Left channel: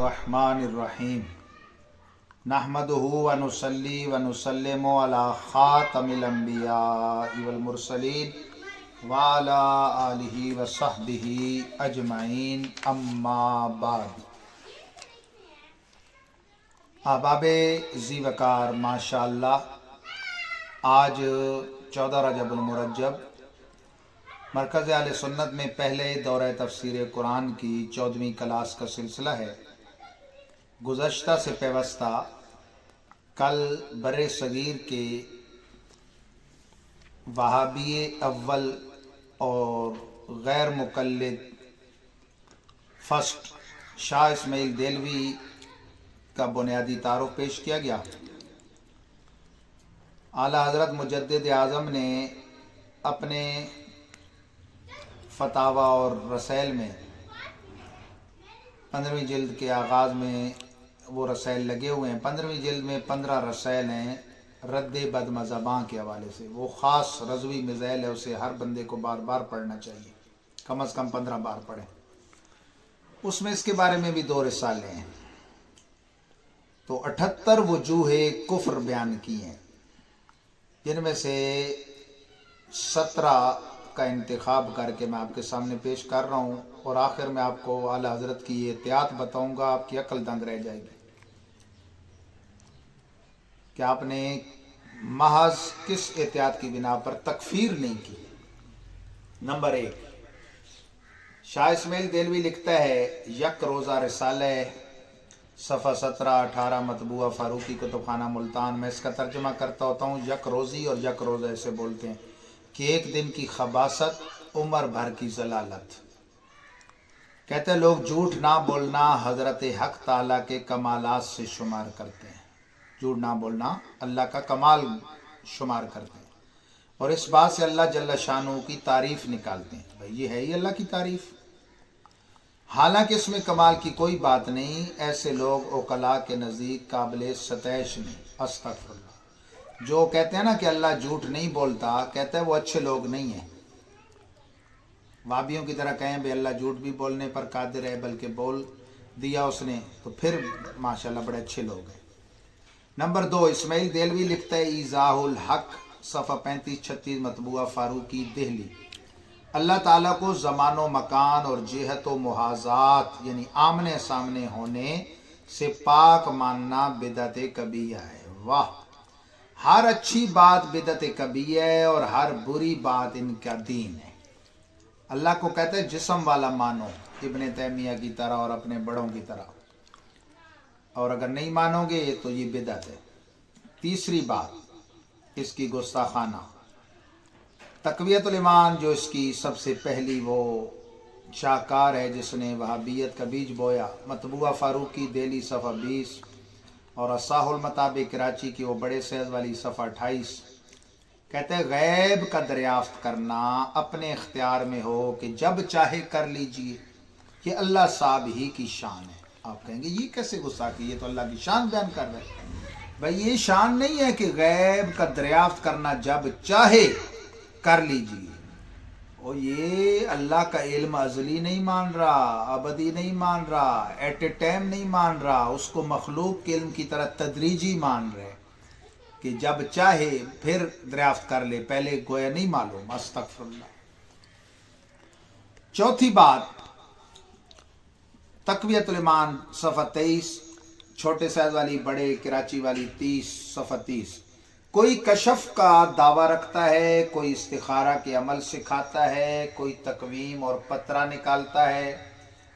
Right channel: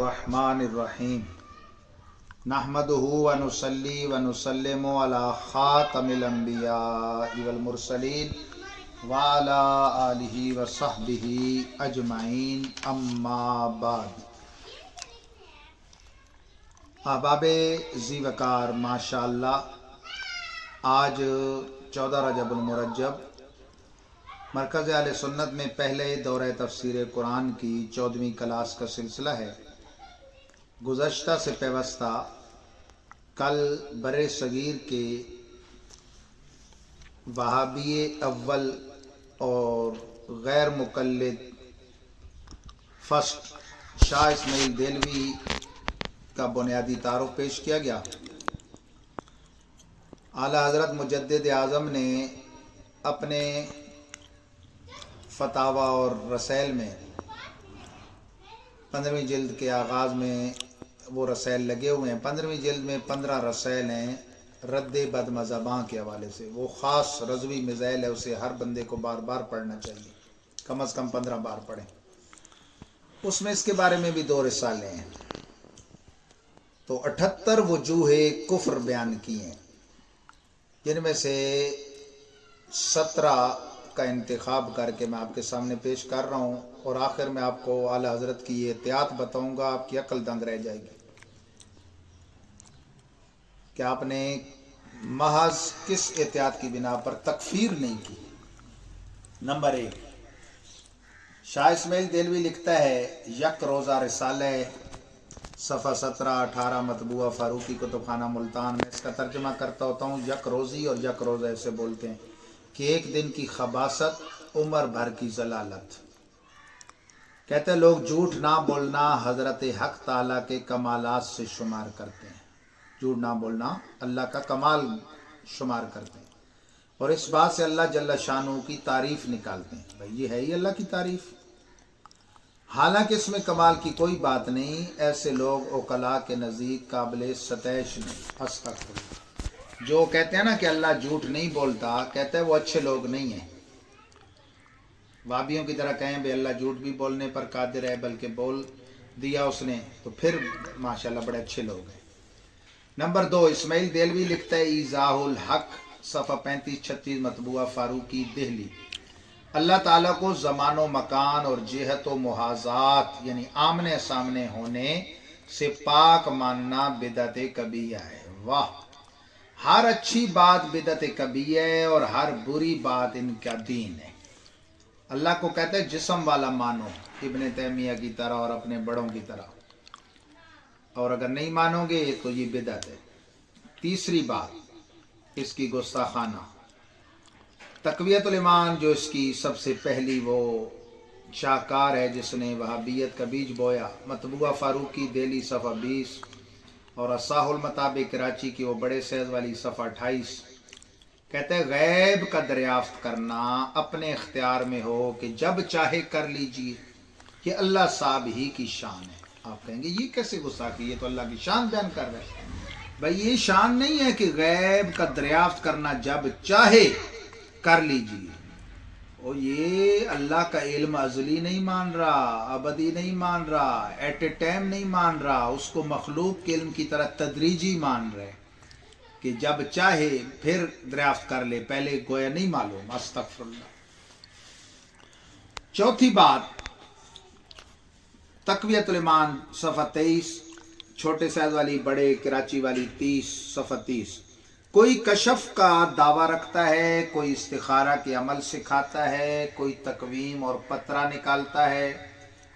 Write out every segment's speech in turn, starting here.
बिस्मिल्लाहिर्रहमानिर्रहीम नहमदुहु व नुसल्ली व नुसल्लिमु अला खातमिल अंबियाइ वल मुरसलीन व अला आलिहि व सहबिहि अजमाइन अम्मा बाद। अहबाबे ज़ीवकार माशाअल्लाह, आज 14 रजबुल मुरज्जब मरकज़ आले सुन्नत में पहले दौरे तफसीर कुरान की 14वीं क्लास का सिलसिला है। गुज़श्ता से पेवस्ता कल बरे सगीर के वहाबी अव्वल और गैर मुक़ल्लिद फर्स्ट शाह इस्माइल देलवी का बुनियादी तारुफ पेश किया गया। आला हज़रत मुजद्दिद आज़म ने अपने फतावा और रसाइल में 15वीं जिल्द के आगाज़ में वो रसाइल लगे हुए हैं। 15वीं जिल्द में 15 रसाइल हैं रद्द बदमज़हबां के हवाले से। वो ख़ास रज़वी मिज़ाइल है, उसे हर बंदे को बार बार पढ़ना चाहिए, कम अज़ कम 15 बार पढ़ें। उसमें इसके बारे में भी 2 रिसाले हैं। तो 78 वजूहे कुफ्र बयान किए हैं, जिनमें से 17 का इंतखाब करके मैं आपके सामने पेश कर रहा हूँ। और आखिर में आपको आला हज़रत की ये एहतियात बताऊँगा, आपकी अक्ल दंग रह जाएगी कि आपने महज किस एहतियात की बिना पर तकफीर नहीं की। नंबर 1, शाह इस्माइल देलवी लिखता है, यक रोज़ा रिसाले सफ़ा 17-18 मतबूआ फ़ारूकी कुतुबखाना मुल्तान में। इसका तर्जुमा करता होता हूँ। यक रोज़ी और यक रोज़ा ऐसे बोलते हैं कि एक दिन की खबासत, उम्र भर की जलालत। कहते हैं लोग झूठ ना बोलना हज़रत हक ताला के कमालात से शुमार करते हैं। झूठ ना बोलना अल्लाह का कमाल शुमार करते हैं और इस बात से अल्लाह जल्ल शानू की तारीफ़ निकालते हैं। भाई ये है ही अल्लाह की तारीफ़, हालांकि इसमें कमाल की कोई बात नहीं। ऐसे लोग ओकला के नज़दीक काबिल सतैश नहीं। अस्तग़फिरुल्लाह। जो कहते हैं ना कि अल्लाह झूठ नहीं बोलता, कहते हैं वो अच्छे लोग नहीं हैं। वाबियों की तरह कहें भी अल्लाह झूठ भी बोलने पर कादिर है, बल्कि बोल दिया उसने तो फिर माशाल्लाह बड़े अच्छे लोग हैं। नंबर 2, इस्माइल देलवी लिखता है, ईज़ाहुल हक सफ़ा 35-36 मतबूआ फ़ारूकी दिल्ली। अल्लाह ताला को ज़मानो मकान और जिहत व मुहाज़ात यानी आमने सामने होने से पाक मानना बिदअत कबीरा है। वाह, हर अच्छी बात बिदअत कबीरा है और हर बुरी बात इनका दीन है। अल्लाह को कहते हैं जिस्म वाला मानो, इब्ने तैमिया की तरह और अपने बड़ों की तरह, और अगर नहीं मानोगे तो ये बिदअत है। तीसरी बात, इसकी गुस्ताखाना तक़वियतुल ईमान, जो इसकी सबसे पहली वो शाहकार है जिसने वहाबियत का बीज बोया। मतबूआ फ़ारूकी दिल्ली सफ़ा 20 और असाहुल मताबिक कराची की वो बड़े सैज़ वाली सफ़ा 28। कहते हैं गैब का दरियाफ्त करना अपने इख्तियार में हो कि जब चाहे कर लीजिए, ये अल्लाह साहब ही की शान है। आप कहेंगे ये कैसे गुस्ताखी, ये तो अल्लाह की शान बयान कर रहे हैं। भाई ये शान नहीं है कि गैब का दरियाफ्त करना जब चाहे कर लीजिए। और ये अल्लाह का इल्म अज़ली नहीं मान रहा, अबदी नहीं मान रहा, एट ए टाइम नहीं मान रहा, उसको मखलूक के इल्म की तरह तदरीजी मान रहे कि जब चाहे फिर दरियाफ्त कर ले, पहले गोया नहीं मालूम। अस्तग़फिरुल्लाह। चौथी बात, तक़वियतुल ईमान सफ़ा 23 छोटे साइज वाली, बड़े कराची वाली 30 सफ़ा 30। कोई कशफ का दावा रखता है, कोई इस्तिखारा के अमल सिखाता है, कोई तकवीम और पतरा निकालता है,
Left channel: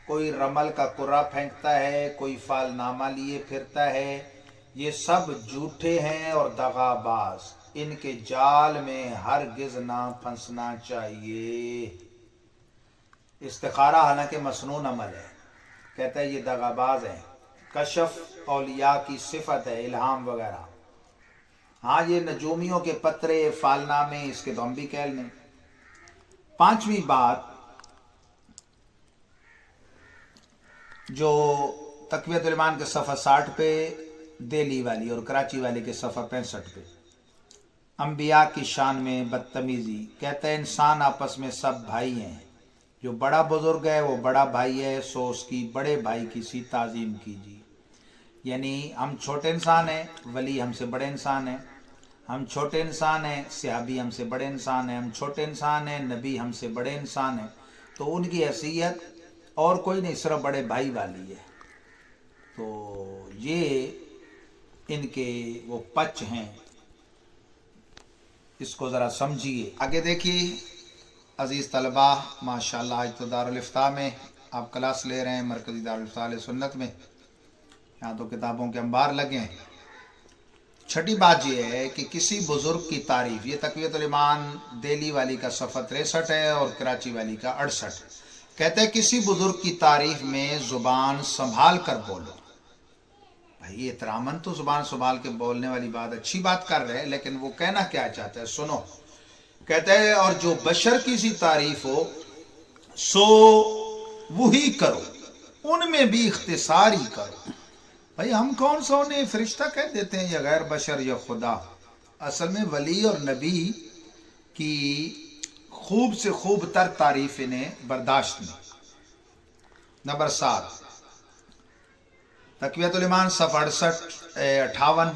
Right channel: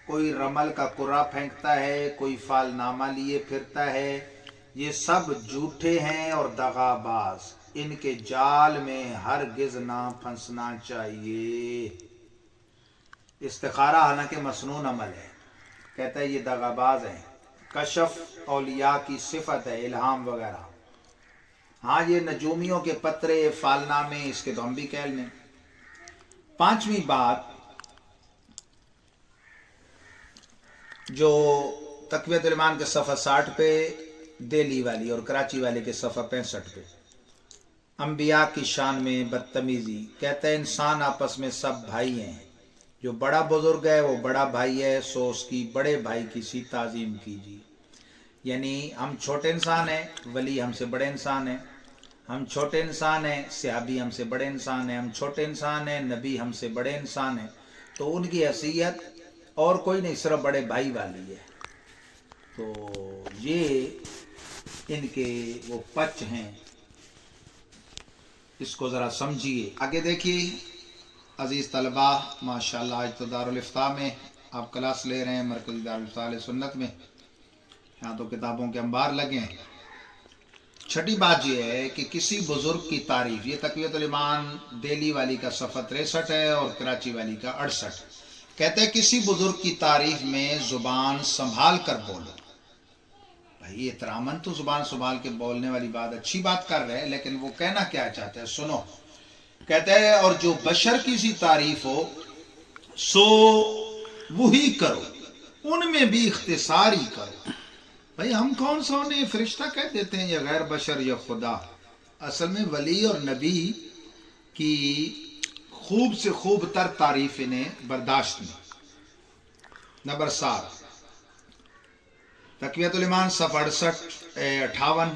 कोई रमल का कुर्रा फेंकता है, कोई फालनामा लिए फिरता है। ये सब झूठे हैं और दगाबाज, इनके जाल में हरगिज़ ना फंसना चाहिए। इस्तिखारा हालांकि मसनून अमल है, कहता है ये दगाबाज हैं। कशफ औलिया की सिफत है, इल्हाम वगैरह। हाँ, ये नजूमियों के पत्रे फालनामे, इसके तो हम भी कह लें। 5वीं बात, जो तक़वियतुल ईमान के सफ़ा 60 पे दिल्ली वाली और कराची वाले के सफ़ा 65 पे अंबिया की शान में बदतमीज़ी। कहते हैं इंसान आपस में सब भाई हैं, جو بڑا بزرگ ہے وہ بڑا بھائی ہے، سو اس کی بڑے بھائی کی سی تعظیم کیجیے. یعنی ہم چھوٹے انسان ہیں، ولی ہم سے بڑے انسان ہیں. ہم چھوٹے انسان ہیں، صحابی ہم سے بڑے انسان ہیں. ہم چھوٹے انسان ہیں، نبی ہم سے بڑے انسان ہیں. تو ان کی حیثیت اور کوئی نہیں، صرف بڑے بھائی والی ہے. تو یہ ان کے وہ پچ ہیں، اس کو ذرا سمجھیے. آگے دیکھیے عزیز طلبہ، ماشاءاللہ آج تو دارالفتاح میں آپ کلاس لے رہے ہیں، مرکزی دارالفتاح اہل سنت میں. یہاں تو کتابوں کے انبار لگے ہیں. چھٹی بات یہ ہے کہ کسی بزرگ کی تعریف، یہ تقویۃ الایمان دہلی والی کا صفحہ 63 ہے اور کراچی والی کا 68. کہتے ہیں کسی بزرگ کی تعریف میں زبان سنبھال کر بولو. بھائی احتراماً تو زبان سنبھال کے بولنے والی بات اچھی بات کر رہے ہیں، لیکن وہ کہنا کیا چاہتا ہے سنو. کہتے ہیں اور جو بشر کی سی تعریف ہو سو وہی کرو، ان میں بھی اختصار ہی کرو. بھائی ہم کون سا انہیں فرشتہ کہہ دیتے ہیں یا غیر بشر یا خدا؟ اصل میں ولی اور نبی کی خوب سے خوب تر تعریف انہیں برداشت نہیں. نمبر 7 تقویۃ الایمان صفحہ 58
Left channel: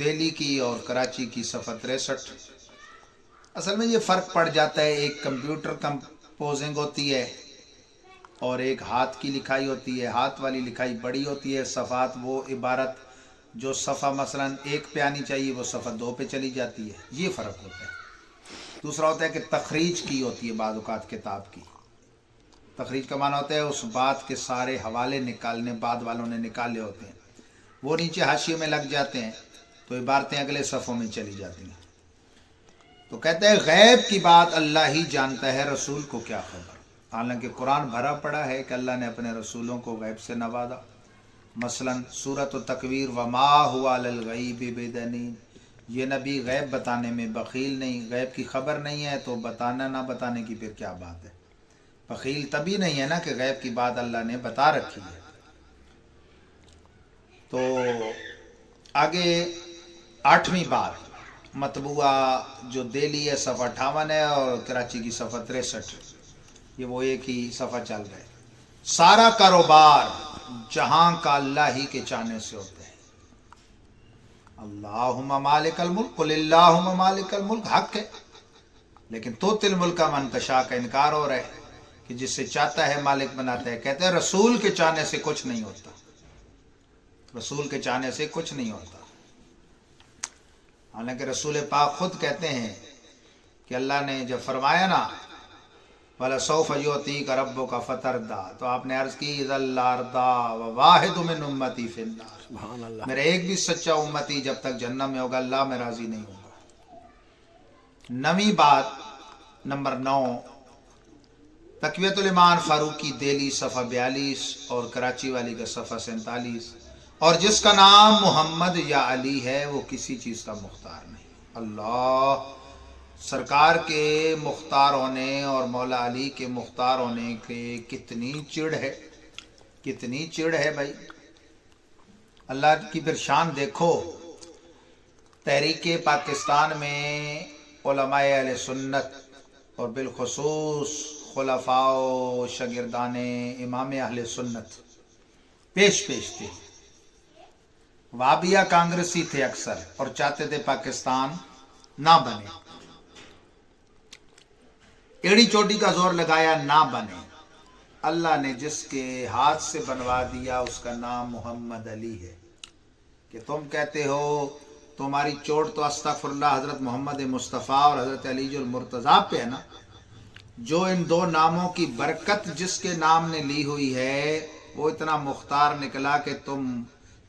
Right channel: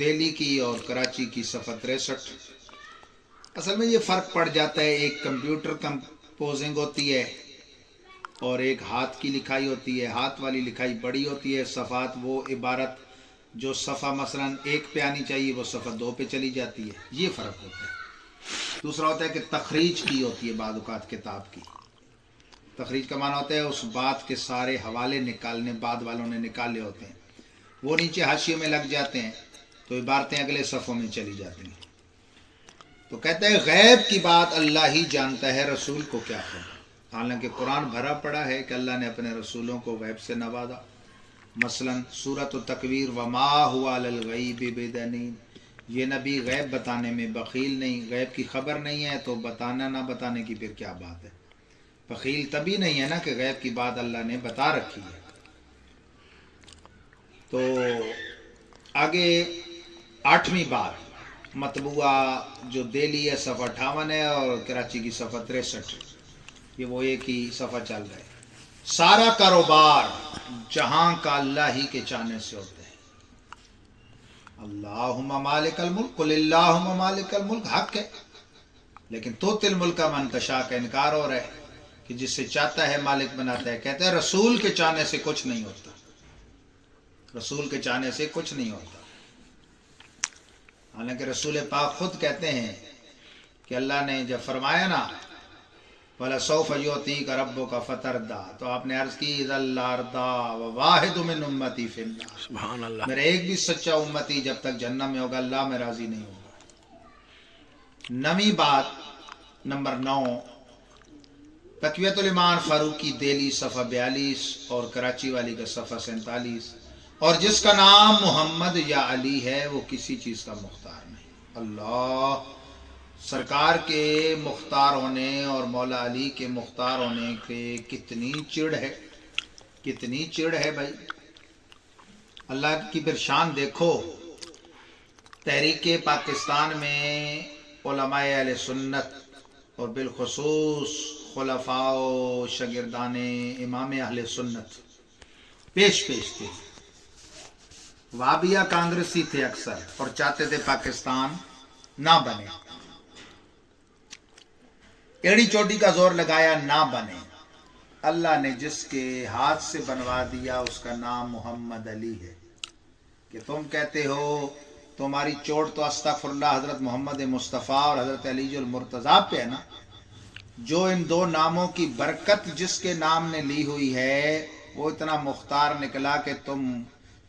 دہلی کی اور کراچی کی صفحہ 63. اصل میں یہ فرق پڑ جاتا ہے، ایک کمپیوٹر کمپوزنگ ہوتی ہے اور ایک ہاتھ کی لکھائی ہوتی ہے. ہاتھ والی لکھائی بڑی ہوتی ہے، صفحات وہ عبارت جو صفحہ مثلا 1 پہ آنی چاہیے وہ صفحہ 2 پہ چلی جاتی ہے. یہ فرق ہوتا ہے. دوسرا ہوتا ہے کہ تخریج کی ہوتی ہے بعض اوقات کتاب کی. تخریج کا معنی ہوتا ہے اس بات کے سارے حوالے نکالنے، بعد والوں نے نکالے ہوتے ہیں، وہ نیچے حاشیے میں لگ جاتے ہیں تو عبارتیں اگلے صفحوں میں چلی جاتی ہیں. تو کہتے ہیں غیب کی بات اللہ ہی جانتا ہے، رسول کو کیا خبر. حالانکہ قرآن بھرا پڑا ہے کہ اللہ نے اپنے رسولوں کو غیب سے نوازا. مثلا سورۃ التکویر وما هو علی الغیب بضنین، یہ نبی غیب بتانے میں بخیل نہیں، غیب کی خبر نہیں ہے تو بتانا نہ بتانے کی پھر کیا بات ہے. بخیل تبھی نہیں ہے نا کہ غیب کی بات اللہ نے بتا رکھی ہے. تو آگے 8ویں بات مطبوعہ جو دہلی ہے صفحہ 58 ہے اور کراچی کی صفحہ 63، یہ وہ ایک ہی صفحہ چل رہا ہے. سارا کاروبار جہاں کا اللہ ہی کے چاہنے سے ہوتا ہے. اللہم مالک الملک قل اللہم مالک الملک حق ہے، لیکن تؤتی الملک من تشاء کا انکار ہو رہا ہے کہ جس سے چاہتا ہے مالک بناتا ہے. کہتے ہیں رسول کے چاہنے سے کچھ نہیں ہوتا، رسول کے چاہنے سے کچھ نہیں ہوتا. حالانکہ رسول پاک خود کہتے ہیں کہ اللہ نے جب فرمایا نا وَلَسَوْفَ يُعْطِيكَ رَبُّكَ فَتَرْضَىٰ، تو آپ نے عرض کی اِذَا لَا أَرْضَىٰ وَوَاحِدٌ مِّنْ أُمَّتِي فِي النَّارِ، سبحان اللہ، میرا ایک بھی سچا امتی جب تک جہنم میں ہوگا اللہ میں راضی نہیں ہوگا. 9ویں بات نمبر 9 تقویۃ الایمان فاروقی دہلی صفحہ 42 اور کراچی والی کا صفحہ 47. اور جس کا نام محمد یا علی ہے وہ کسی چیز کا مختار نہیں. اللہ سرکار کے مختار ہونے اور مولا علی کے مختار ہونے کے کتنی چڑ ہے، کتنی چڑ ہے بھائی. اللہ کی پھر شان دیکھو. تحریک پاکستان میں علماء اہل سنت اور بالخصوص خلفاء و شاگردان امام اہل سنت پیش تھے. وابیہ کانگریسی تھے اکثر اور چاہتے تھے پاکستان نہ بنے. ایڑی چوٹی کا زور لگایا نہ بنے. اللہ نے جس کے ہاتھ سے بنوا دیا اس کا نام محمد علی ہے. کہ تم کہتے ہو تمہاری چوٹ تو استغفر اللہ حضرت محمد مصطفیٰ اور حضرت علی المرتضیٰ پہ ہے نا. جو ان دو ناموں کی برکت جس کے نام نے لی ہوئی ہے وہ اتنا مختار نکلا کہ تم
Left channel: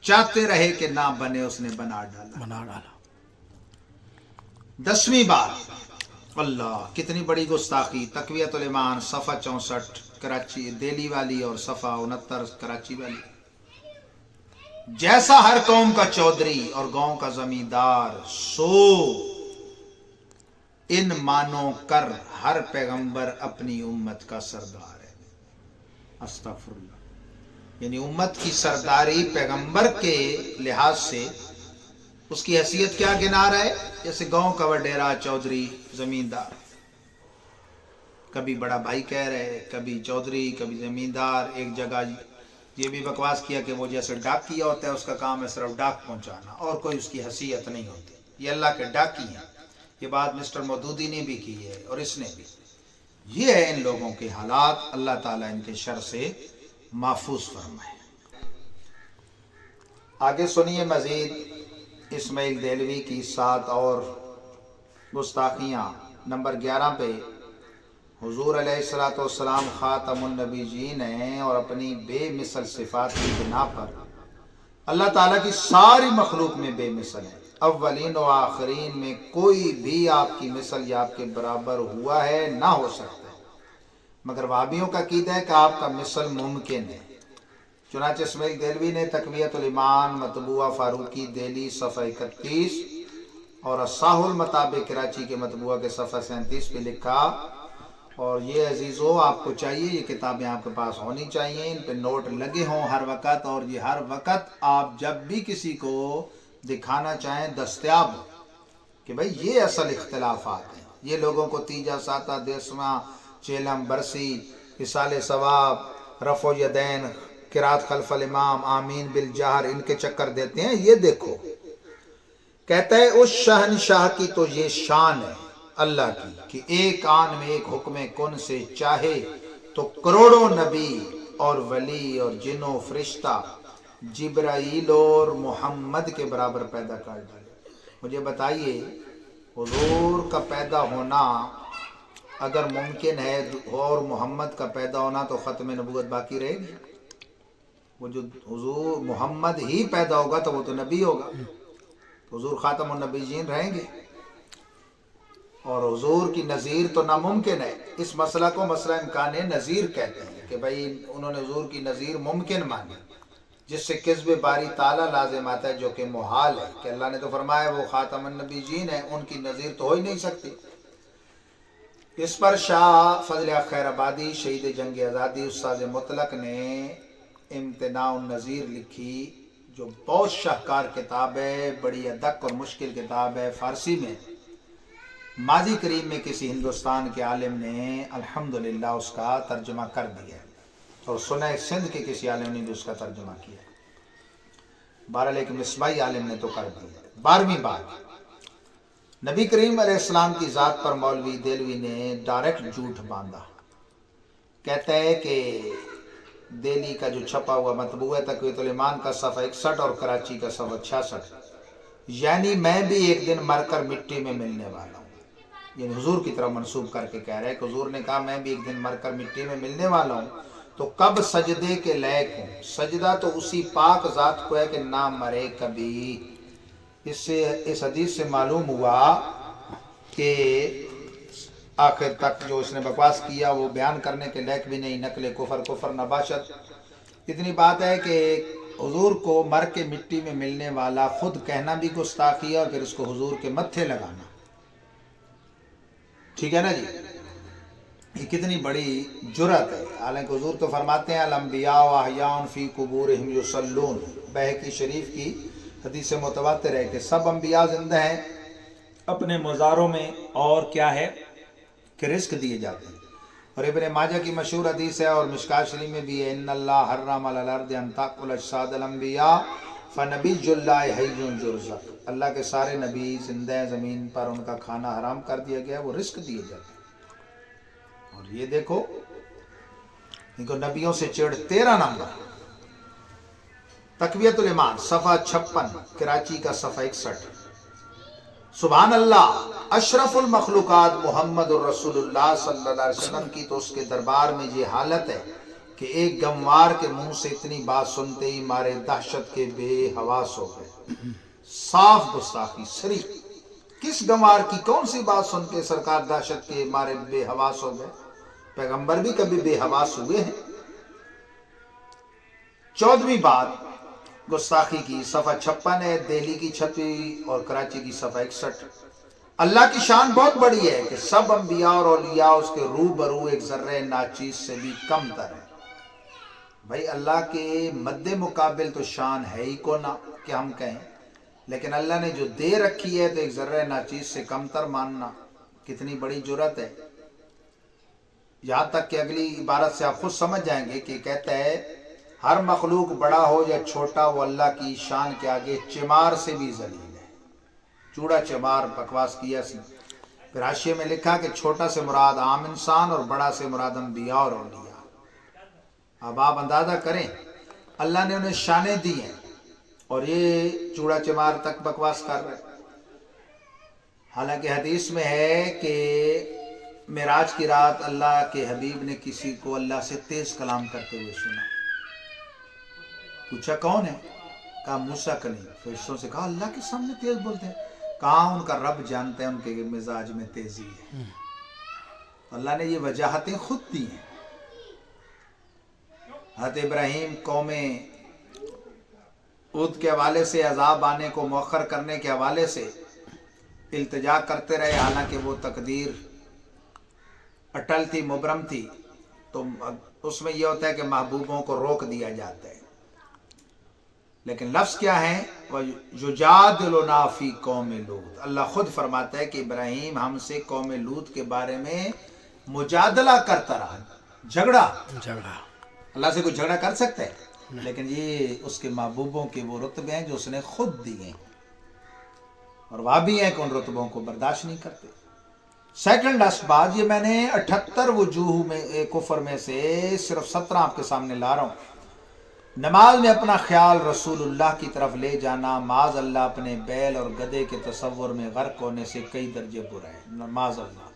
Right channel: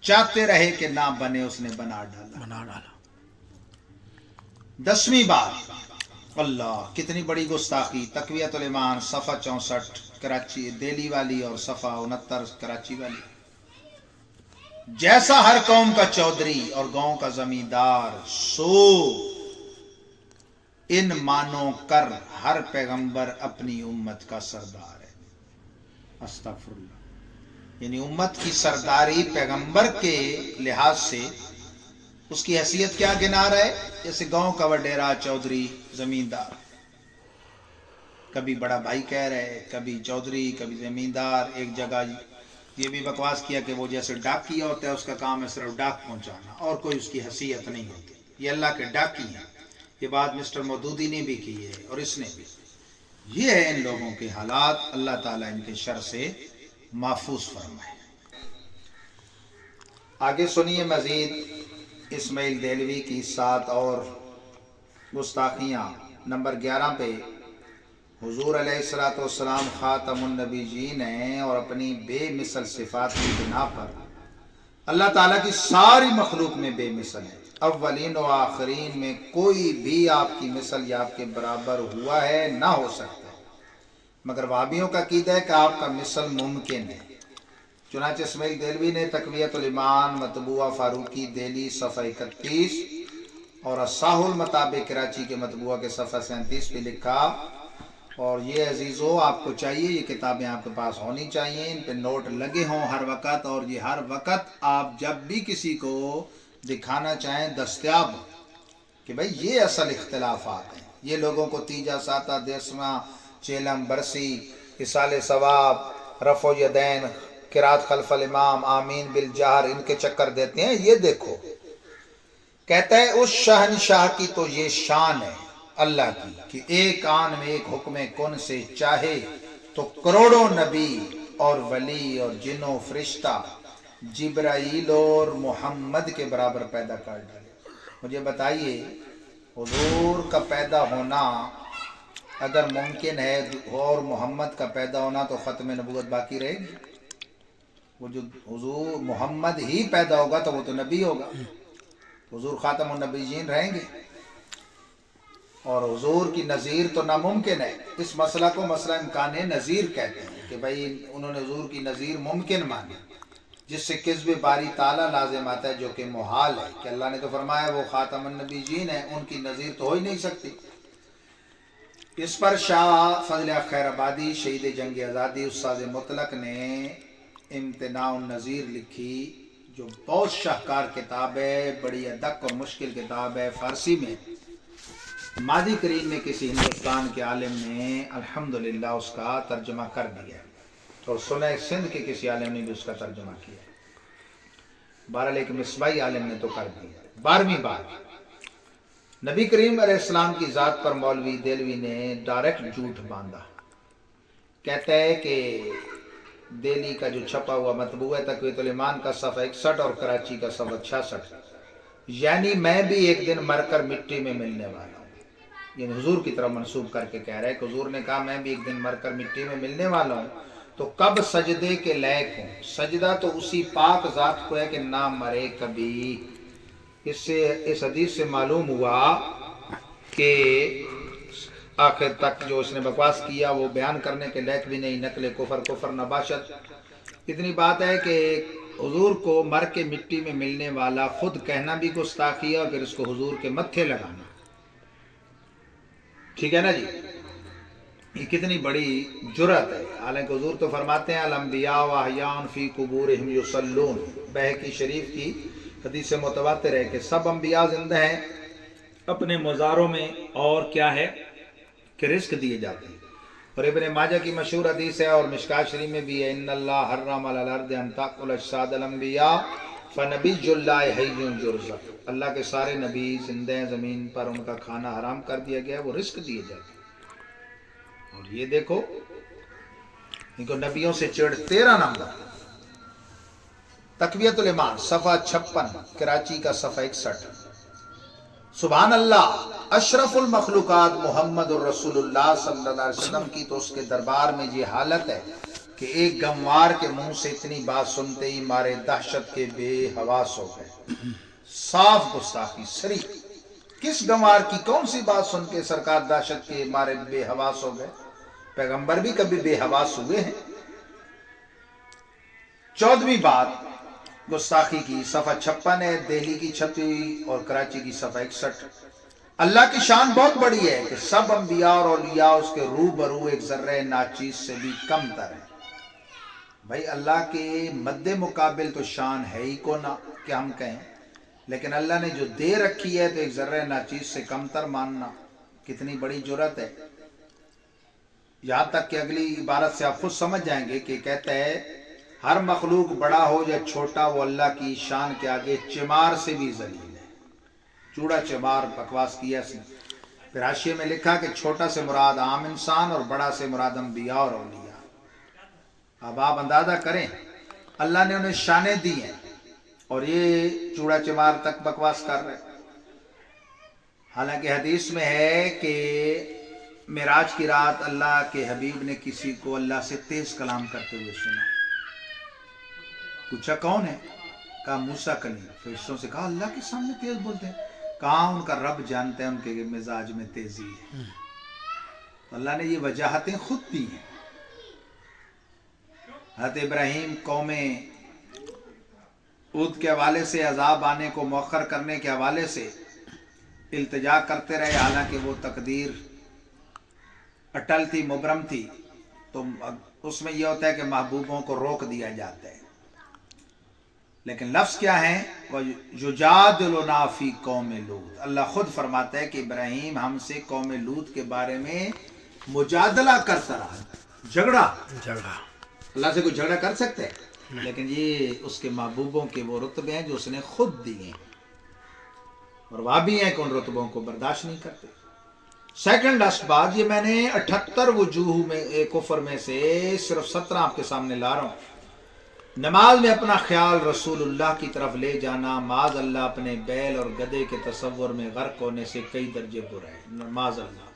چاہتے رہے کہ نہ بنے، اس نے بنا ڈالا. 10ویں بات اللہ کتنی بڑی گستاخی. تقویۃ الایمان صفحہ 64 کراچی دہلی والی اور صفحہ 69 کراچی والی. جیسا ہر قوم کا چودھری اور گاؤں کا زمیندار سو ان مانو کر ہر پیغمبر اپنی امت کا سردار ہے. استغفر اللہ. یعنی امت کی سرداری پیغمبر کے لحاظ سے اس کی حیثیت کیا گنا رہا ہے؟ جیسے گاؤں کا وڈیرا، چودھری، زمیندار. कभी बड़ा भाई कह रहे, कभी चौधरी, कभी ज़मींदार। एक जगह ये भी बकवास किया कि वो जैसे डाकिया होता है, उसका काम है सिर्फ डाक पहुंचाना और कोई उसकी हैसियत नहीं होती। ये अल्लाह के डाकी हैं। ये बात मिस्टर मौदूदी ने भी की है और इसने भी। ये है इन लोगों के हालात। अल्लाह ताला इनके शर से महफूज फरमाए। आगे सुनिए मजीद इस्माइल देलवी की 7 और गुस्ताखियाँ। नंबर 11 पे हुजूर अलैहिस्सलाम खातमुन नबीयीन हैं और अपनी बेमिसल सिफात की बिना पर अल्लाह ताला की सारी मखलूक में बेमिसल है। अव्वलीन व आखरीन में कोई भी आपकी मिसल या आपके बराबर हुआ है ना हो सकता है, मगर वाबियों का कीदा है कि आपका मिसल मुमकिन है। चुनांचे इस्माइल देलवी ने तकवियतुल ईमान मतबूआ फारूकी दिल्ली सफ़ा 31 और असाहुल मताबिक कराची के मतबूआ के सफ़ा 37 पे लिखा। और ये अजीज़ों, आपको चाहिए ये किताबें आपके पास होनी चाहिए, इन पे नोट लगे हों हर वक़्त, और ये हर वक़्त आप जब भी किसी को दिखाना चाहें दस्तयाब हो कि भाई ये असल इख्तिलाफात हैं। ये लोगों को तीजा साता देसमा चेलम बरसी इसाले सवाब रफ़ो यदैन किरात खल्फल इमाम आमीन बिल जहर इनके चक्कर देते हैं। ये देखो, कहता है उस शहनशाह की तो ये शान है अल्लाह की कि एक आन में एक हुक्म कुन से चाहे तो करोड़ों नबी और वली और जिनो फरिश्ता जिब्राइल और मोहम्मद के बराबर पैदा कर डाले। मुझे बताइए, हुजूर का पैदा होना अगर मुमकिन है और मोहम्मद का पैदा होना, तो ख़त्म नबूवत बाकी रहेगी? वो जो हुजूर मोहम्मद ही पैदा होगा तो वो तो नबी होगा, हुजूर खातमुन नबीयीन रहेंगे। और हुजूर की नज़ीर तो नामुमकिन है। इस मसला को मसला इम्कान नज़ीर कहते हैं कि भाई उन्होंने हुजूर की नज़ीर मुमकिन मानी, जिससे किस्ब बारी ताला लाजिम आता है, जो कि मुहाल है कि अल्लाह ने तो फरमाया वो खातमुन नबीयीन है, उनकी नज़ीर तो हो ही नहीं सकती। इस पर शाह फजल खैराबादी शहीद जंग आज़ादी उस्ताद मुतलक ने इम्तिनाउन नज़ीर लिखी, जो बहुत शाहकार किताब है, बड़ी अदक और मुश्किल किताब है। फ़ारसी में माजी करीम में किसी हिंदुस्तान के आलिम ने अल्हम्दुलिल्लाह उसका तर्जुमा कर दिया, तो सुना सिंध के किसी आलिम ने भी उसका तर्जुमा किया। बहरहाल एक मिसबाई आलिम ने तो कर दिया। 12वीं बात, नबी करीम अलैहिस्सलाम की ज़ात पर मौलवी देलवी ने डायरेक्ट झूठ बांधा। कहते हैं कि दिल्ली का जो छपा हुआ मतबूआ तकवीयतुल ईमान का सफ़ा 61 और कराची का सफ़ा 66, यानी मैं भी एक दिन मरकर मिट्टी में मिलने वाला हूँ, ये हुजूर की तरफ मंसूब करके कह रहे हैं कि हुजूर ने कहा मैं भी एक दिन मरकर मिट्टी में मिलने वाला हूँ, तो कब सजदे के लायक हूँ? सजदा तो उसी पाक ज़ात को है कि ना मरे कभी। इससे इस हदीस से मालूम हुआ कि आखिर तक जो इसने बकवास किया वो बयान करने के लायक भी नहीं, नकले कुफर नबाशत। इतनी बात है कि हुजूर को मर के मिट्टी में मिलने वाला खुद कहना भी गुस्ताखी है और फिर उसको हुजूर के मत्थे लगाना, ठीक है ना जी? ये कितनी बड़ी जुर्रत है। हालांकि हुजूर तो फरमाते हैं अल-अंबिया व अहयान फी कुबूरिहिम युसल्लून, बहकी शरीफ की हदीस से मुतवातिर है कि सब अंबिया जिंदा हैं अपने मज़ारों में, और क्या है कि रिस्क दिए जाते हैं। और इब्न माजा की मशहूर हदीस है और मिशकात शरीफ में भी है, इन्नल्लाह हर्रम अलल अर्दि अन ताकुल अजसादल अंबिया फनबियुल्लाहि हय्युन युरज़क़, अल्लाह के सारे नबी जिंदा हैं, ज़मीन पर उनका खाना हराम कर दिया गया, वो रिस्क दिए जाते हैं। और ये देखो इनको नबियों से चिढ़। 13 नंबर तकवियतुल ईमान सफ़ा 56 कराची का सफ़ा 61। सुभान अल्लाह अशरफुल मखलूकात मोहम्मदुर रसूलुल्लाह सल्लल्लाहु अलैहि वसल्लम की तो उसके दरबार में ये हालत है कि एक गमवार के मुंह से इतनी बात सुनते ही मारे दहशत के बेहवास हो गए। साफ गुस्ताखी सरी। किस गंवार की कौन सी बात सुन के सरकार दहशत के मारे बेहवास हो गए? पैगंबर भी कभी बेहवास हुए हैं? 14वीं बात गुस्ताखी की सफ़ा 56 है, दिल्ली की 36 और कराची की सफ़ा 61। अल्लाह की शान बहुत बड़ी है कि सब अंबिया और औलिया उसके रूबरू एक जर्रे नाचीज से भी कम तर है। भाई अल्लाह के मद्दे मुकाबिल तो शान है ही को ना कि हम कहें, लेकिन अल्लाह ने जो दे रखी है तो एक जर्रे नाचीज से कमतर मानना कितनी बड़ी जुर्रत है। یہاں تک کہ اگلی عبارت سے آپ خود سمجھ جائیں گے کہ کہتا ہے ہر مخلوق بڑا ہو یا چھوٹا وہ اللہ کی شان کے آگے چمار سے بھی ذلیل ہے. چوڑا چمار بکواس کیا اس نے. پھر حاشیے میں لکھا کہ چھوٹا سے مراد عام انسان اور بڑا سے مراد انبیاء اور اولیاء. اب آپ اندازہ کریں اللہ نے انہیں شانیں دی ہیں اور یہ چوڑا چمار تک بکواس کر رہے. حالانکہ حدیث میں ہے کہ معراج کی رات اللہ کے حبیب نے کسی کو اللہ سے تیز کلام کرتے ہوئے سنا. پوچھا کون ہے؟ کہا موسیٰ کلیم. فرشتوں سے کہا اللہ کے سامنے تیز بولتے ہیں؟ کہا ان کا رب جانتا ہے ان کے مزاج میں تیزی ہے. اللہ نے یہ وجاہتیں خود دی ہیں. حضرت ابراہیم قوم عود کے حوالے سے عذاب آنے کو مؤخر کرنے کے حوالے سے التجا کرتے رہے، حالانکہ وہ تقدیر اٹل تھی، مبرم تھی. تو اس میں یہ ہوتا ہے کہ محبوبوں کو روک دیا جاتا ہے. لیکن لفظ کیا ہے؟ یجادلنا فی قوم لوط. اللہ خود فرماتا ہے کہ ابراہیم ہم سے قوم لوط کے بارے میں مجادلہ کرتا رہا، جھگڑا. اللہ سے کوئی جھگڑا کر سکتا ہے؟ لیکن یہ اس کے محبوبوں کے وہ رتبے ہیں جو اس نے خود دیے ہیں، اور وہ بھی ہیں کہ ان رتبوں کو برداشت نہیں کرتے. سیکنڈ اسباب، یہ میں نے 78 وجوہ میں کفر میں سے صرف 17 آپ کے سامنے لا رہا ہوں. نماز میں اپنا خیال رسول اللہ کی طرف لے جانا معاذ اللہ اپنے بیل اور گدھے کے تصور میں غرق ہونے سے کئی درجے برا ہے. معاذ اللہ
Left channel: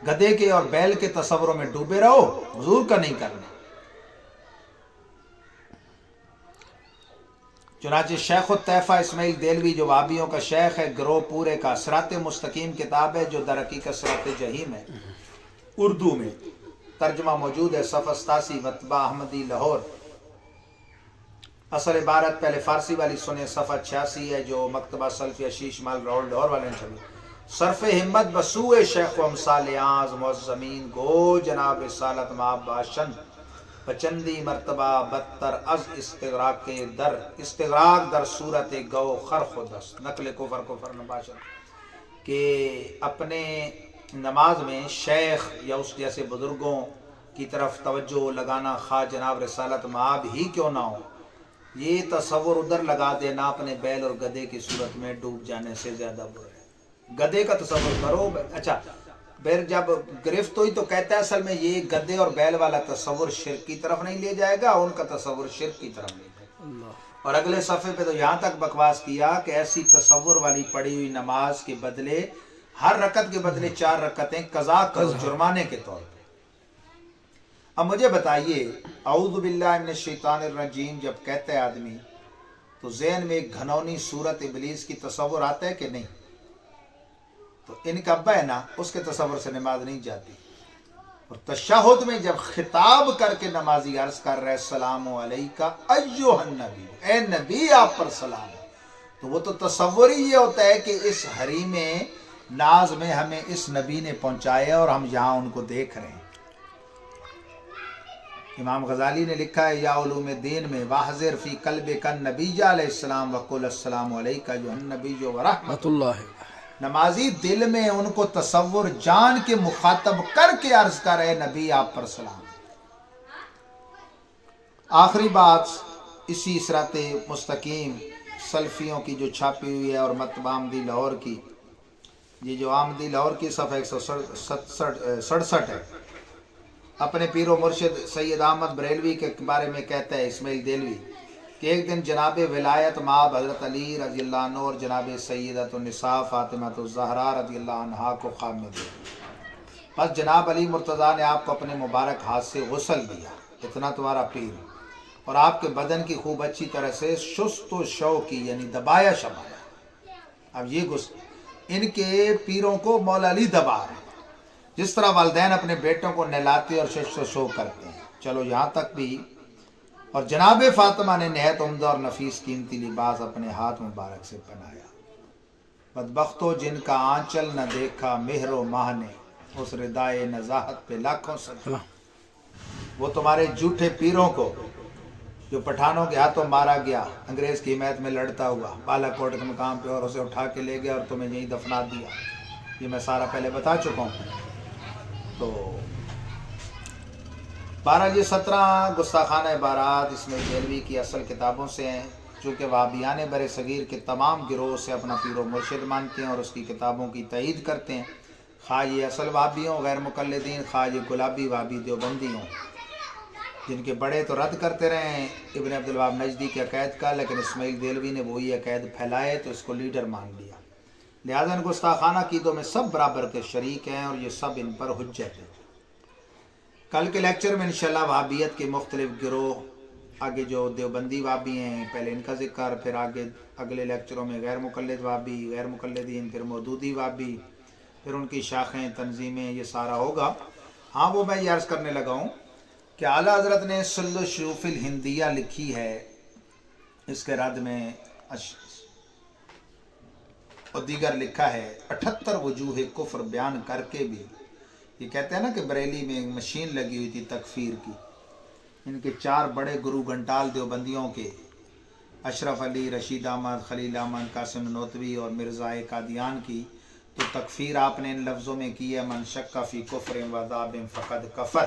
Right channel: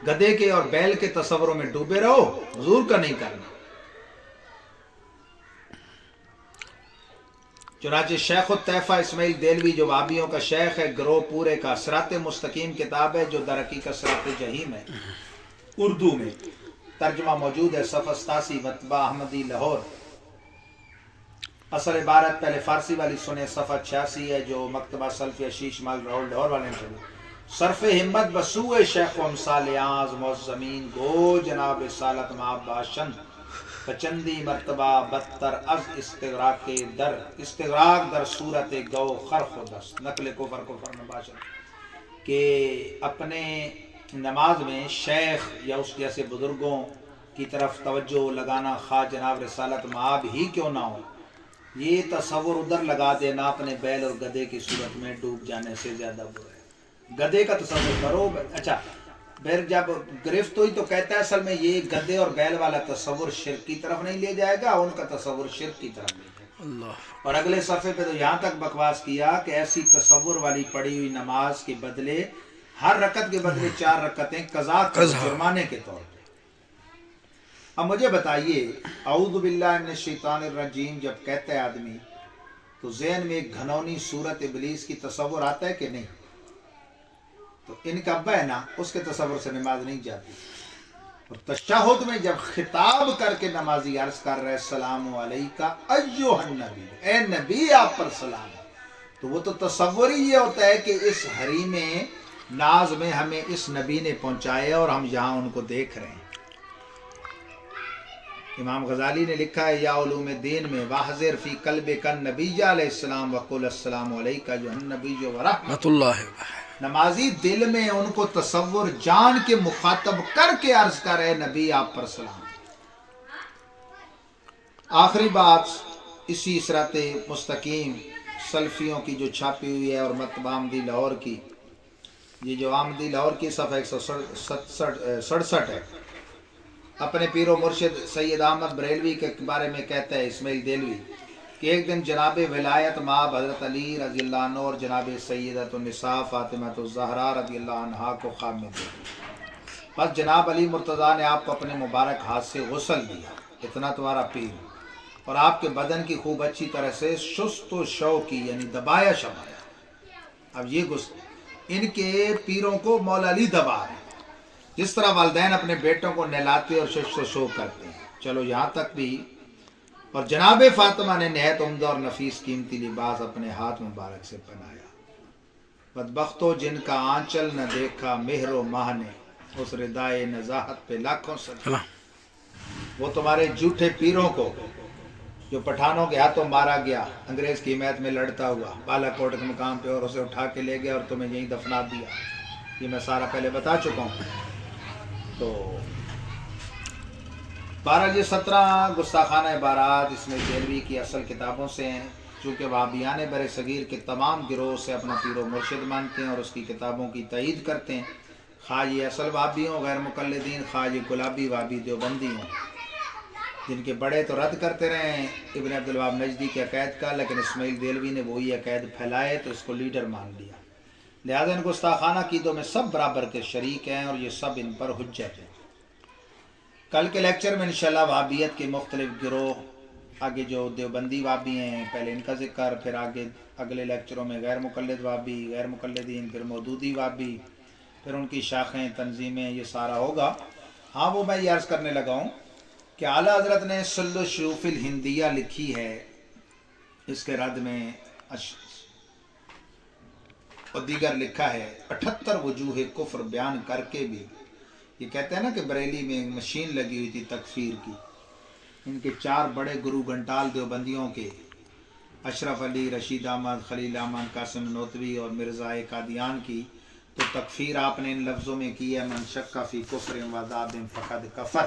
گدھے کے اور بیل کے تصوروں میں ڈوبے رہو، حضور کا نہیں کرنا. چنانچہ شیخ الطیفہ اسماعیل دہلوی جو وہابیوں کا شیخ ہے، گروہ پورے کا، صراط مستقیم کتاب ہے جو در حقیقت صراط جحیم ہے، اردو میں ترجمہ موجود ہے، صفحہ 87، مطبع احمدی لاہور. اصل عبارت پہلے فارسی والی سنیں، صفحہ 86 ہے جو مکتبہ سلفیہ شیش مال لاہور والے نے چھپی. صرف ہمت بسوء شیخ و امثال آز معظمین گو جناب رسالت ماں باشن پچندی مرتبہ بدتر از استغراق در صورت گو خرخ و دست. نقل کفر نباشن کہ اپنے نماز میں شیخ یا اس جیسے بزرگوں کی طرف توجہ لگانا، خواہ جناب رسالت مآب ہی کیوں نہ ہو، یہ تصور ادھر لگا دینا اپنے بیل اور گدھے کی صورت میں ڈوب جانے سے زیادہ برا ہے. گدھے کا تصور کرو. اچھا پھر جب گرفت ہوئی تو کہتا ہے اصل میں یہ گدھے اور بیل والا تصور شرک کی طرف نہیں لے جائے گا، ان کا تصور شرک کی طرف لے جائے گا. اور اگلے صفحے پہ تو یہاں تک بکواس کیا کہ ایسی تصور والی پڑھی ہوئی نماز کے بدلے ہر رکعت کے بدلے 4 رکعتیں قضا کرو جرمانے کے طور پہ. اب مجھے بتائیے اعوذ باللہ من الشیطان الرجیم جب کہتا ہے آدمی تو ذہن میں ایک گھنونی صورت ابلیس کی تصور آتا ہے کہ نہیں؟ تو ان کا ابا ہے نا، اس کے تصور سے نماز نہیں جاتی. اور تشہد میں جب خطاب کر کے نمازی عرض کر رہے السلام علیکہ ایھا النبی، اے نبی آپ پر سلام، تو وہ تو تصور ہی یہ ہوتا ہے کہ اس حریم ناز میں ہمیں اس نبی نے پہنچایا اور ہم یہاں ان کو دیکھ رہے ہیں. امام غزالی نے لکھا ہے یا علوم دین میں واحذر فی قلب کن نبی علیہ السلام وقل السلام علیکہ جو النبی جو ورحمت اللہ. نمازی دل میں ان کو تصور جان کے مخاطب کر کے عرض کر رہے نبی آپ پر سلام. آخری بات اسی صراط مستقیم سلفیوں کی جو چھاپی ہوئی ہے اور مطبع احمدی لاہور کی، یہ جو احمدی لاہور کی صفحہ 167 ہے، اپنے پیر و مرشد سید احمد بریلوی کے بارے میں کہتا ہے اسماعیل دہلوی کہ ایک دن جناب ولایت مآب حضرت علی رضی اللہ عنہ اور جناب سیدۃ النساء فاطمہ الزہرا رضی اللہ عنہا کو خواب میں دیکھا. بس جناب علی مرتضیٰ نے آپ کو اپنے مبارک ہاتھ سے غسل دیا، اتنا تمہارا پیر، اور آپ کے بدن کی خوب اچھی طرح سے شست و شو کی یعنی دبایا شمایا. اب یہ ان کے پیروں کو مولا علی دبا رہے ہیں جس طرح والدین اپنے بیٹوں کو نہلاتے اور شش و شو کرتے ہیں. چلو یہاں تک بھی. اور جناب فاطمہ نے نہایت عمدہ اور نفیس قیمتی لباس اپنے ہاتھ مبارک سے پہنایا. بدبختو جن کا آنچل نہ دیکھا مہر و ماہ نے، اس ردائے نزاہت پہ لاکھوں سجدے. وہ تمہارے جھوٹے پیروں کو جو پٹھانوں کے ہاتھوں مارا گیا، انگریز کی حمایت میں لڑتا ہوا بالا کوٹ کے مقام پہ، اور اسے اٹھا کے لے گیا اور تمہیں یہیں دفنا دیا. یہ میں سارا پہلے بتا چکا ہوں. تو बहरहाल ये 17 गुस्ताखाना इबारात इसमें देलवी की असल किताबों से हैं, चूँकि वाबियान बर सगीर के तमाम गिरोह से अपना पीर व मुर्शिद मानते हैं और उसकी किताबों की तईद करते हैं, खा ये असल वाबी हों गैर मुकल्लिदीन, खा ये गुलाबी वाबी देवबंदी हों, जिनके बड़े तो रद्द करते रहे हैं इब्न अब्दुल वहाब नजदी के अक़ैद का, लेकिन इस्माइल देलवी ने वही अक़ैद फैलाए तो इसको लीडर मान लिया। लिहाजा इन गुस्ताखाना कीदों में सब बराबर के शरीक हैं और ये सब इन पर हुज्जत है। कल के लेक्चर में इंशाल्लाह वहाबियत के मुख्तलिफ गिरोह, आगे जो देवबंदी वाबी हैं पहले इनका जिक्र, फिर आगे अगले लेक्चरों में गैर मुकल्लिद वाबी, गैर मुकल्लिदीन, फिर मौदूदी वाबी, फिर उनकी शाखें, तंजीमें, ये सारा होगा। हाँ, वो मैं ये अर्ज़ करने लगा हूँ कि आला हज़रत ने सुल्लु शूफ़िल हिंदिया लिखी है, इसके रद में और दीगर लिखा है 78 वजूह कुफ्र बयान करके भी। ये कहते हैं ना कि बरेली में एक मशीन लगी हुई थी तकफीर की, इनके 4 बड़े गुरु घंटाल देवबंदियों के, अशरफ अली, रशीद अहमद, खलील अहमद, कासिम नोतवी और मिर्ज़ा कादियान की, तो तकफीर आपने इन लफ्ज़ों में की है, मन शक्का फ़ी कुफ्र वज़ाबिन फ़क़द कफ़र।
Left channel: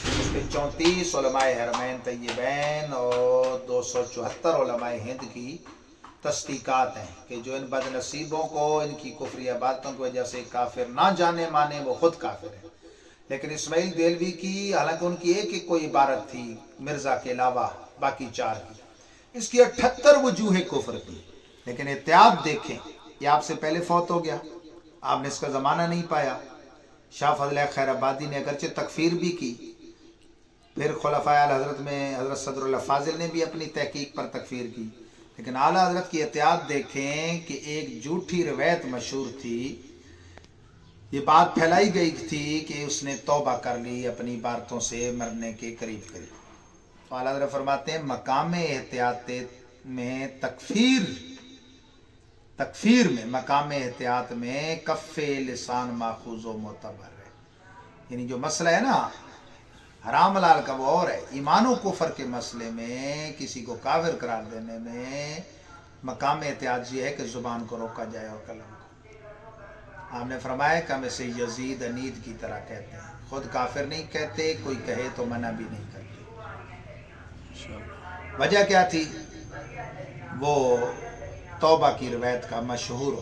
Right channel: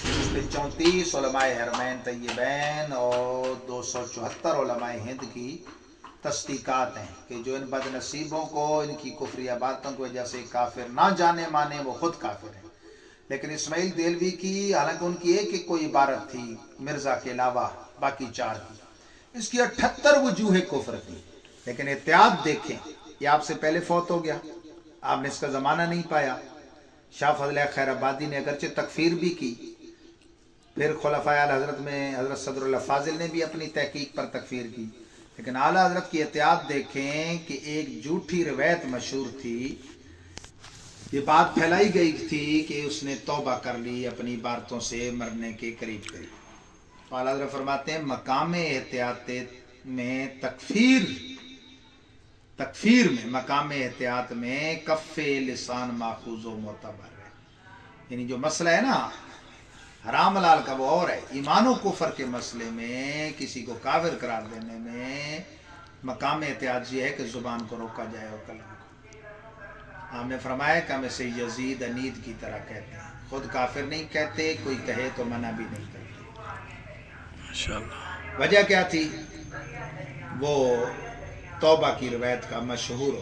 इसमें 34 उलमाए हरमैन तय्यबैन और 274 उलमाए हिंद की तस्दीकात हैं कि जो इन बदनसीबों को इनकी कुफरी बातों की वजह से काफिर ना जाने माने वो खुद काफिर हैं। लेकिन इस्माइल देलवी की, हालांकि उनकी एक कोई इबारत थी मिर्ज़ा के अलावा बाकी 4 की, इसकी 78 वजूह कुफर थी। लेकिन एहतियात देखें, ये आपसे पहले फौत हो गया, आपने इसका ज़माना नहीं पाया। शाह फजल खैराबादी ने अगरचे तकफीर भी की, फिर खुलफाए आला हज़रत में हज़रत सदरुल्लाह फाजिल ने भी अपनी तहकीक पर तकफीर की, लेकिन आला हज़रत की एहतियात देखें कि एक झूठी रवायत मशहूर थी, ये बात फैलाई गई थी कि उसने तौबा कर ली अपनी बातों से मरने के करीब करीब। आला हज़रत फरमाते हैं मकाम एहतियात में तकफीर में मकाम एहतियात में कफ़े लिसान माखूज़ व मोतबर है। यानी जो मसला है ना हराम हलाल का वो और है, ईमान व कुफर के मसले में किसी को काफिर करार देने में मकाम एहतियात ये है कि ज़ुबान को रोका जाए और कलम को। आपने फरमाया कि हम इसे यजीद अनीद की तरह कहते हैं, खुद काफिर नहीं कहते, कोई कहे तो मना भी नहीं करते। वजह क्या थी? वो तौबा की रवायत का मशहूर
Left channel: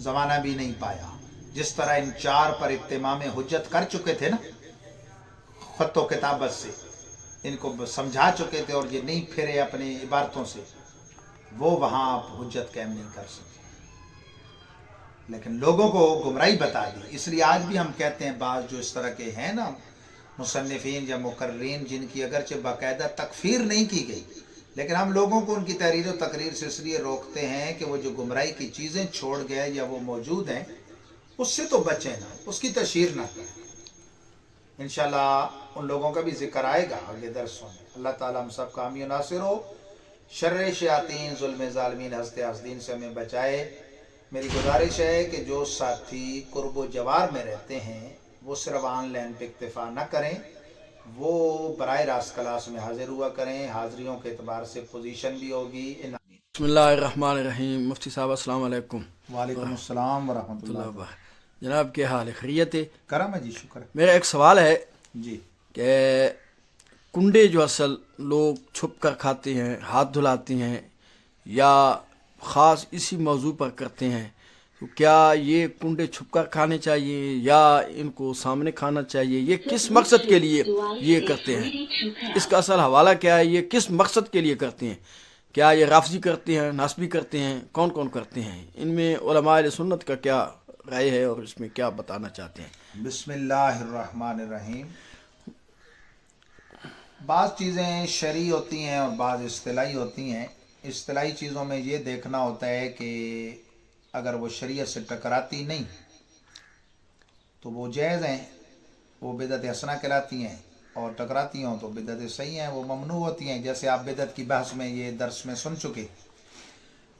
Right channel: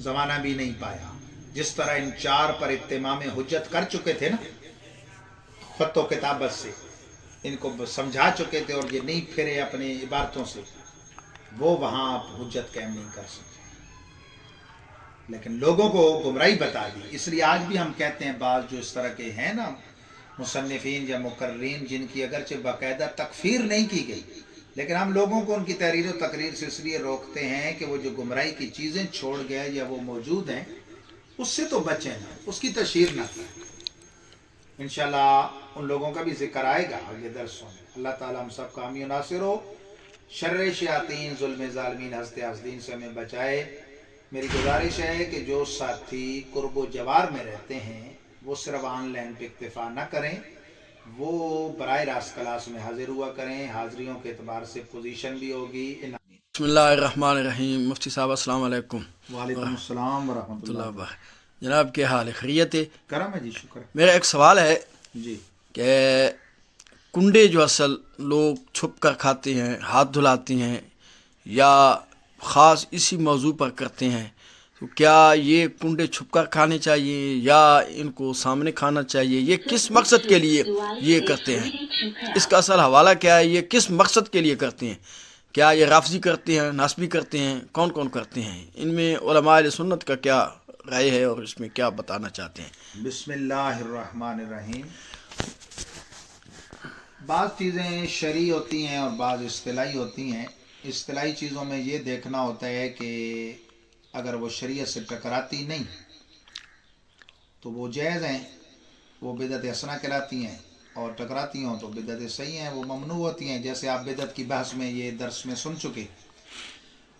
ज़माना भी नहीं पाया। जिस तरह इन 4 पर इत्तिमाम हुज्जत कर चुके थे ना, ख़त व किताबत से इनको समझा चुके थे और ये नहीं फिरे अपनी इबारतों से, वो वहाँ आप हुज्जत कायम नहीं कर सकते, लेकिन लोगों को गुमराही बता दी। इसलिए आज भी हम कहते हैं बाज़ जो इस तरह के हैं ना मुसन्निफ़ीन या मुकर्रीन, जिनकी अगरचे बाकायदा तकफीर नहीं की गई, लेकिन हम लोगों को उनकी तहरीर व तकरीर से इसलिए रोकते हैं कि वो जो गुमराही की चीज़ें छोड़ गए या वो मौजूद हैं उससे तो बचें ना, उसकी तशहीर ना करें। इंशाल्लाह उन लोगों का भी जिक्र आएगा आगे दर्सों में। अल्लाह ताला हम सब कामी नासिर हो, शर्र शयातीन, जुल्म ज़ालिमीन, हस्ते हस्दीन से हमें बचाए। मेरी गुजारिश है कि जो साथी कुर्ब जवार में रहते हैं वो सिर्फ ऑनलाइन पे इक्तिफा न करें, वो बराह रास्त क्लास में हाजिर हुआ करें, हाजिरियों के एतबार से पोजीशन भी होगी। बिस्मिल्लाहिर्रहमानिर्रहीम। मुफ्ती साहब अस्सलाम वालेकुम। वालेकुम अस्सलाम व रहमतुल्लाह। जनाब क्या हाल है, खैरियत है? करम है जी, शुक्र। मेरा एक सवाल है जी कि कुंडे जो असल लोग छुप कर खाते हैं, हाथ धुलाते हैं या ख़ास इसी मौजू पर करते हैं, तो क्या ये कुंडे छुप कर खाने चाहिए या इनको सामने खाना चाहिए? ये किस मकसद के लिए ये करते हैं? इसका असल हवाला क्या है? ये किस मकसद के लिए करते हैं? क्या ये राफजी करते हैं, नासबी करते हैं, कौन कौन करते हैं? इनमें उलमाए सुन्नत का क्या राय है और इसमें क्या बताना चाहते हैं? बिस्मिल्लाहिर्रहमानिर्रहीम। बाज़ चीज़ें शरई होती हैं और बाज़ इस्तिलाही होती हैं। इस्तिलाही चीज़ों में ये देखना होता है कि अगर वो शरीयत से टकराती नहीं तो वो जायज़ हैं, वो बिदअत हसना कहलाती हैं, और टकराती हों तो बिदअत सही हैं, वो ममनू होती हैं। जैसे आप बिदअत की बहस में ये दर्स में सुन चुके।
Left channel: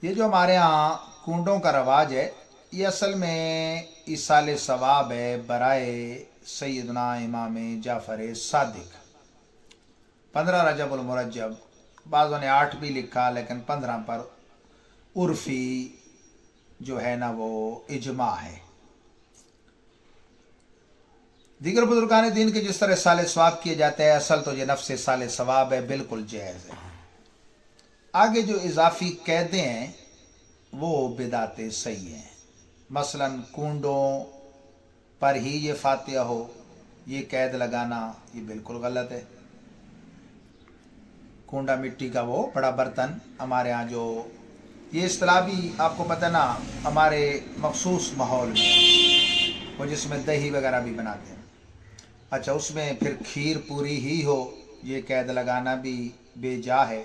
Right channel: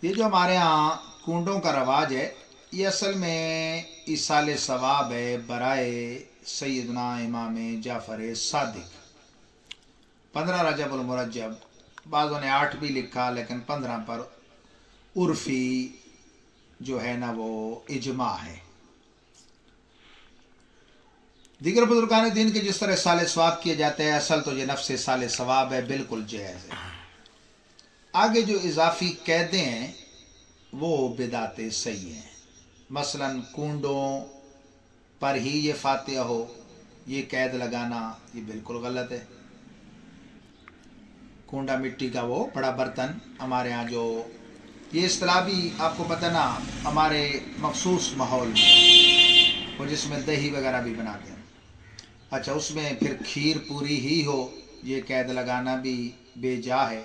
ये जो हमारे यहाँ कुंडों का रवाज है, ये असल में इसाले सवाब है बराए सैयदना इमाम जाफ़र सादिक। 15 रजब उल मुरज्जब, बाज़ों ने 8 भी लिखा, लेकिन 15 पर उर्फ़ी जो है ना वो इजमा है। دیگر بزرگان دین کے جس طرح سال ثواب کیا جاتا ہے، اصل تو یہ نفس سال ثواب ہے، بالکل جائز ہے۔ آگے جو اضافی قیدیں ہیں وہ بدعت صحیح ہیں۔ مثلا کنڈوں پر ہی یہ فاتحہ ہو، یہ قید لگانا یہ بالکل غلط ہے۔ کنڈا مٹی کا وہ بڑا برتن ہمارے ہاں جو یہ اصطلاح بھی آپ کو پتہ نا ہمارے مخصوص ماحول میں وہ جس میں دہی وغیرہ بھی بناتے ہیں، اچھا اس میں پھر کھیر پوری ہی ہو، یہ قید لگانا بھی بے جا ہے۔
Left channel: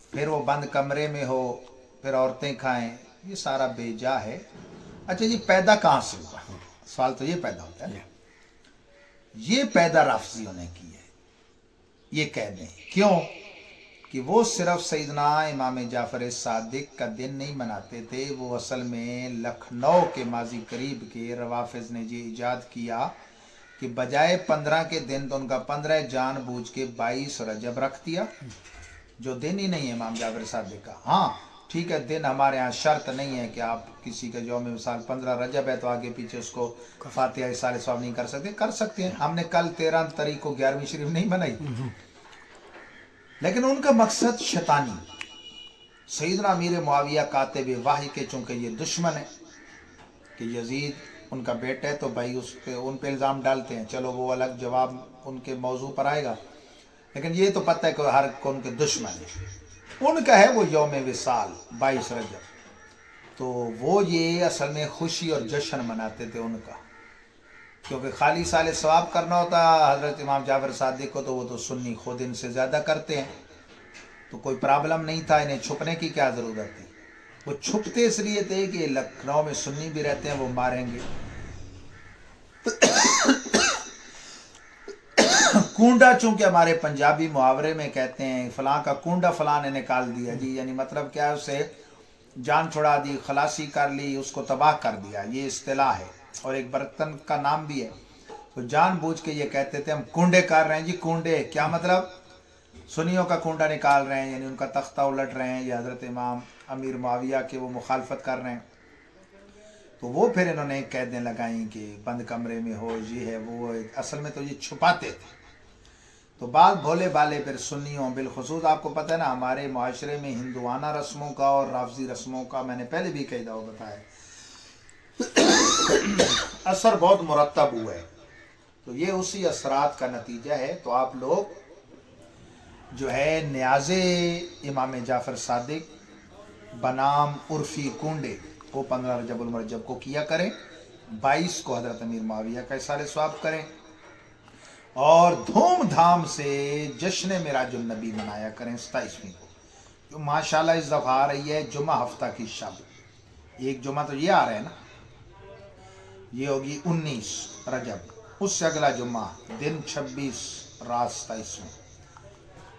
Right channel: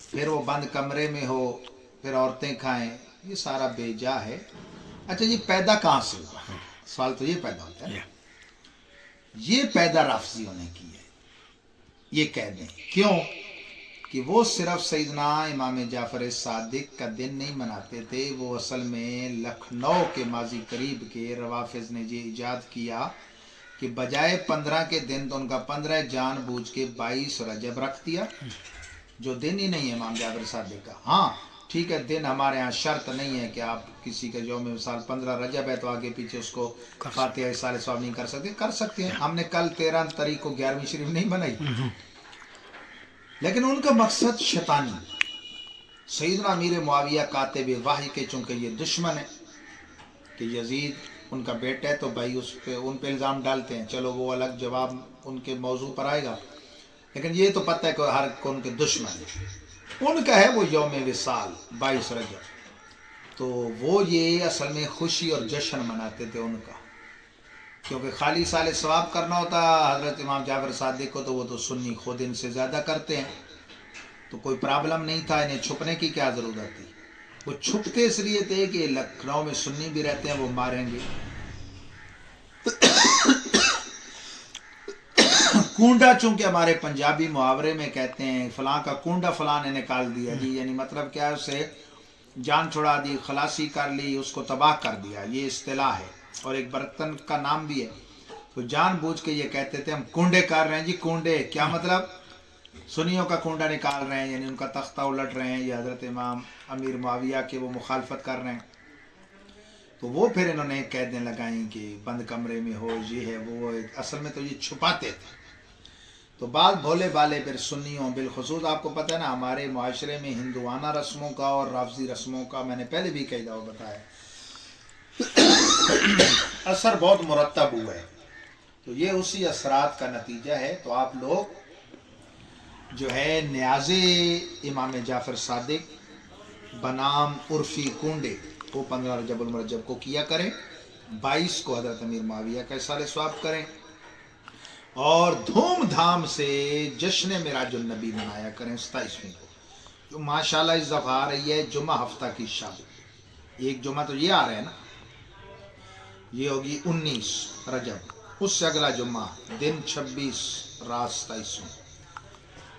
پھر وہ بند کمرے میں ہو، پھر عورتیں کھائیں، یہ سارا بے جا ہے۔ اچھا یہ پیدا کہاں سے ہوا؟ سوال تو یہ پیدا ہوتا ہے، یہ پیدا رافضیوں نے کی ہے یہ قیدیں۔ کیوں کہ وہ صرف سیدنا امام جعفر صادق کا دن نہیں مناتے تھے، وہ اصل میں لکھنؤ کے ماضی قریب کے روافظ نے یہ ایجاد کیا کہ بجائے 15 کے دن تو ان کا 15 جان بوجھ کے 22 رجب رکھ دیا، جو دن ہی نہیں ہے امام جعفر صادق کا۔ ہاں ٹھیک ہے، دن ہمارے ہاں شرط نہیں ہے کہ آپ کسی کا یوم مثال 15 رجب ہے تو آگے پیچھے اس کو فاتحہ سال ثواب نہیں کر سکتے، کر سکتے ہیں۔ ہم نے کل 13 تاریخ کو 11ویں شریف نہیں بنائی، لیکن ان کا مقصد شیطانی۔ سیدنا امیر معاویہ کاتب وحی کے چونکہ یہ دشمن ہے کہ یزید ان کا بیٹا ہے تو بھائی ان پہ الزام ڈالتے ہیں، چلو وہ الگ جواب ان کے موضوع پر آئے گا، لیکن یہ تو پتہ ہے کہ ہر کون کے دشمن ہے۔ ان کا ہے وہ یوم وصال 22 رجب، تو وہ یہ اصل میں خوشی اور جشن مناتے تھے ان کا، کیونکہ خالی سال ثواب کرنا ہوتا حضرت امام جعفر صادق کو تو وہ تو سنی خود ان سے زیادہ کرتے ہیں، تو کوئی پرابلم نہیں تھا، انہیں چھپنے کی کیا ضرورت تھی۔ وہ چھپتے اس لیے تھے کہ لکھنؤ میں سنی بھی رہتے ہیں، وہ ماریں گے۔ کنڈا چونکہ ہمارے پنجابی محاورے میں کہتے ہیں فلاں کا کنڈا فلاں نے نکال دیا جی، یعنی مطلب کیا ہے اسے جان چھڑا دی، خلاصی کر لی، اس کو تباہ کر دیا، یہ اصطلاح ہے اور ایک برتن کا نام بھی ہے۔ تو جان بوجھ کے یہ کہتے تھے ہم کنڈے کر رہے ہیں جی، کنڈے کیا مطلب؟ سنیوں کا کنڈا نکال رہے ہیں، یعنی ان کا تختہ الٹ رہے ہیں، یا حضرت امام امیر معاویہ کے وہ مخالفت کر رہے ہیں۔ تو وہ پھر انہوں نے قیدیں لگائیں کہ بند کمرے میں ہو، یہ ہے وہ ہے، اصل میں تو یہ چھپاتے تھے۔ تو بعض بھولے بالے پھر سنیوں، بالخصوص آپ کو پتہ ہے نا ہمارے معاشرے میں ہندوانہ رسموں کا اور رافضی رسموں کا میں نے پہلے بھی کئی دفعہ بتایا اثر بہت مرتب ہوا ہے، تو یہ اسی اثرات کا نتیجہ ہے۔ تو آپ لوگ جو ہے نیاز امام جعفر صادق بنام عرفی کنڈے وہ 15 رجب المرجب کو کیا کریں، 22 کو حضرت امیر معاویہ کا سال ثواب کریں، اور دھوم دھام سے جشن معراج النبی منایا کریں 27ویں کو، جو ماشاءاللہ اس دفعہ آ رہی ہے جمعہ ہفتہ کی شب۔ ایک جمعہ تو یہ آ رہا ہے نا، یہ ہوگی 19 رجب، اس سے اگلا جمعہ دن 26 رات 27،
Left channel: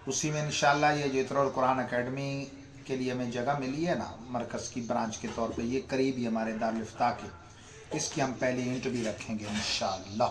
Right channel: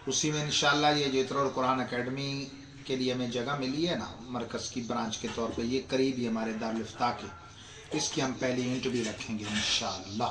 اسی میں انشاءاللہ یہ جو اترول قرآن اکیڈمی کے لیے ہمیں جگہ ملی ہے نا مرکز کی برانچ کے طور پہ، یہ قریب ہی ہمارے دارالفتاح کے، اس کی ہم پہلی اینٹ بھی رکھیں گے انشاءاللہ۔